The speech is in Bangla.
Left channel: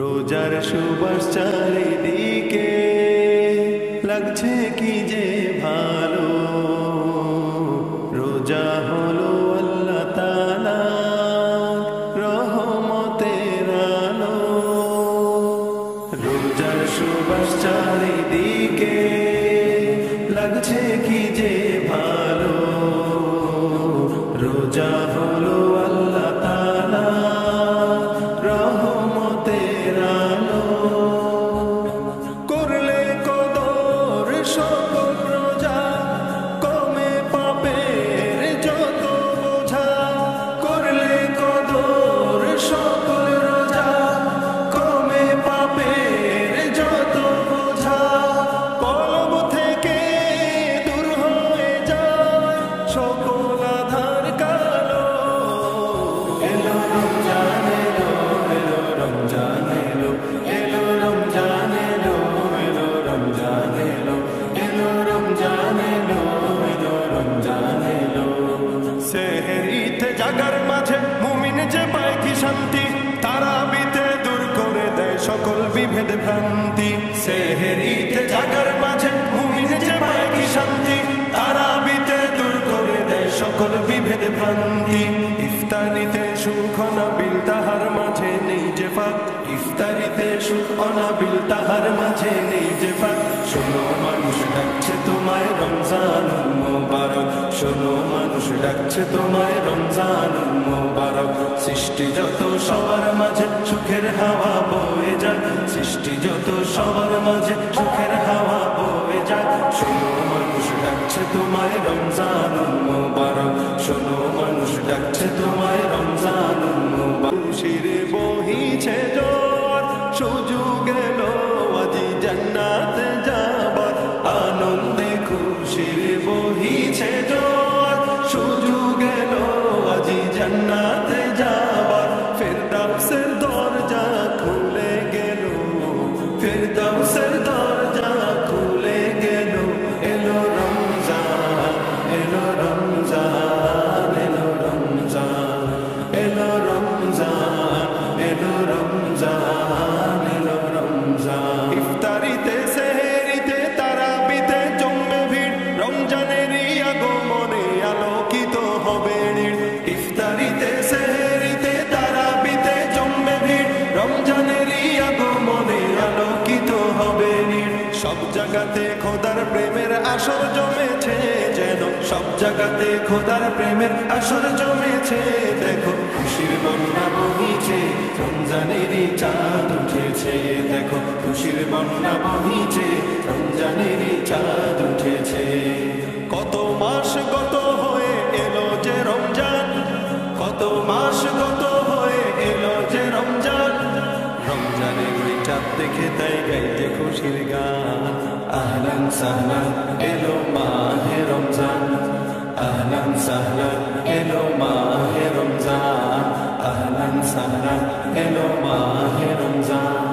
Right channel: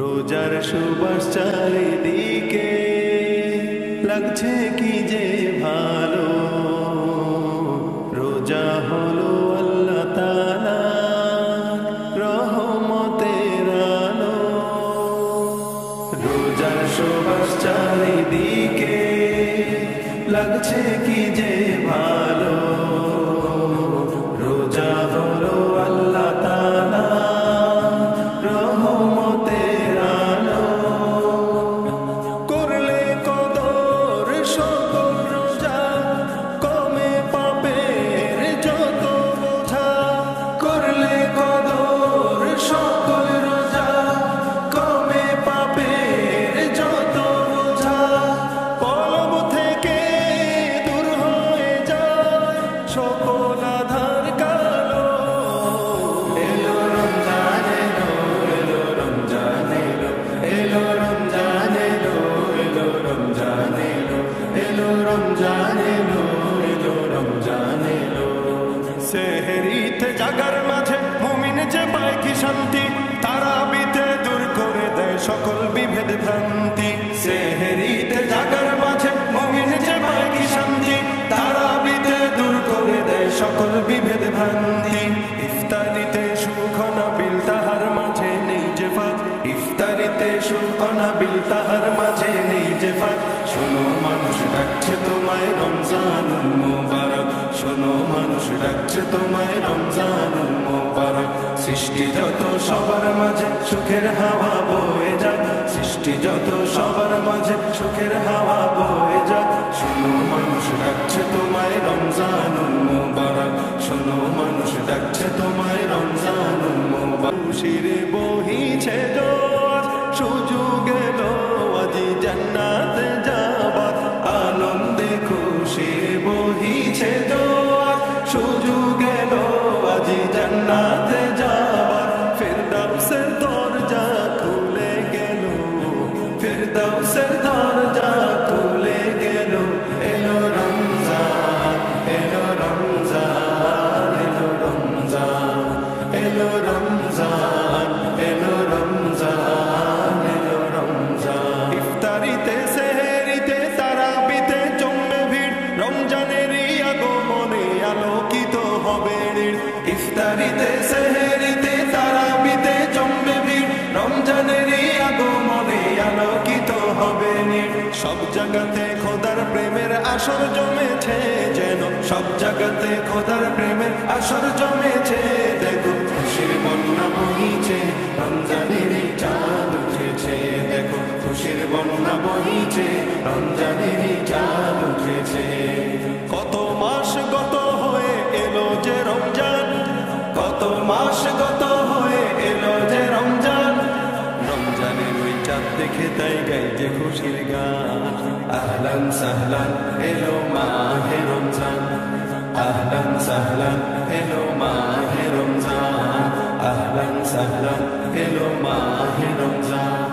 রোজার সুবাস চারিদিকে লাগছে কি যে ভালো। রোজা হলো আল্লাহ তাআলার রহমতের আলো। রোজার সুবাস চারিদিকে লাগছে কি যে ভালো। রোজা হলো আল্লাহ তাআলার রহমতের আলো। করলে কদর সকল রোজা কমে পাপের যত বোঝা। করলে কদর সকল রোজা কমে পাপের যত বোঝা। কলব থেকে দূর হয়ে যায় সকল আধার কালো। এলো রমজান এলো, এলো রমজান এলো, এলো রমজান এলো, এলো রমজান এলো, এলো রমজান এলো, এলো রমজান এলো। সেহরিতে জাগার মাঝে মুমিন যে পায় কি শান্তি, তারাবিতে দূর করে দেয় সকল বিভেদ ভ্রান্তি। সেহরিতে জাগার মাঝে মুমিন যে পায় কি শান্তি, তারাবিতে দূর করে দেয় সকল বিভেদ ভ্রান্তি। ইফতারিতে সুখ অনাবিল তাহার মাঝে নেই যে ফাঁক। ইফতারিতে সুখ অনাবিল তাহার মাঝে নেই যে ফাঁক। শোনো মানুষ ডাকছে তোমায় রমজানুল মুবারক। শোনো মানুষ ডাকছে তোমায় রমজানুল মুবারক। সৃষ্টি যত সবার মাঝে সুখের হাওয়া বয়ে যাক। সৃষ্টি যত সবার মাঝে সুখের হাওয়া বয়ে যাক। শোনো মানুষ ডাকছে তোমায় রমজানুল মুবারক। শোনো মানুষ ডাকছে তোমায় রমজানুল মুবারক। খুশিরে বহিছে জোয়ার সুযোগ এলো আজি জান্নাতে যাবার। আনন্দে খুশিরে বহিছে জোয়ার সুযোগ এলো আজি জান্নাতে যাবার। ফেরদাউসের দরজা খুলে গেল, ফেরদাউসের দরজা খুলে গেল। এলো রমজান, এলো রমজান, এলো রমজান, এলো রমজান, এলো রমজান, এলো রমজান। ইফতারিতে সেহরিতে তারাবিতে জমবে ভিড়, রমজানেরই আগমনে আলোকিত হবে নীড়। ইফতারিতে সেহরিতে তারাবিতে জমবে ভিড়, রমজানেরই আগমনে আলোকিত হবে নীড়। সব জায়গাতে খোদার প্রেমের আসর জমেছে যেন, সব জায়গাতে খোদার প্রেমের আসর জমেছে। দেখো খুশির বন্যা বহিছে, রমজানেরই চাঁদ উঠেছে। দেখো খুশির বন্যা বহিছে, রমজানেরই চাঁদ উঠেছে। কত মাস গত হয়ে এলো যে রমজান, কত মাস গত হয়ে এলো যে রমজান। রমজানের ওই চাঁদ দেখে তাই গাই যে খুশির গান। আহলান সাহলান এলো মাহে রমজান, আহলান সাহলান এলো মাহে রমজান, আহলান সাহলান এলো মাহে রমজান।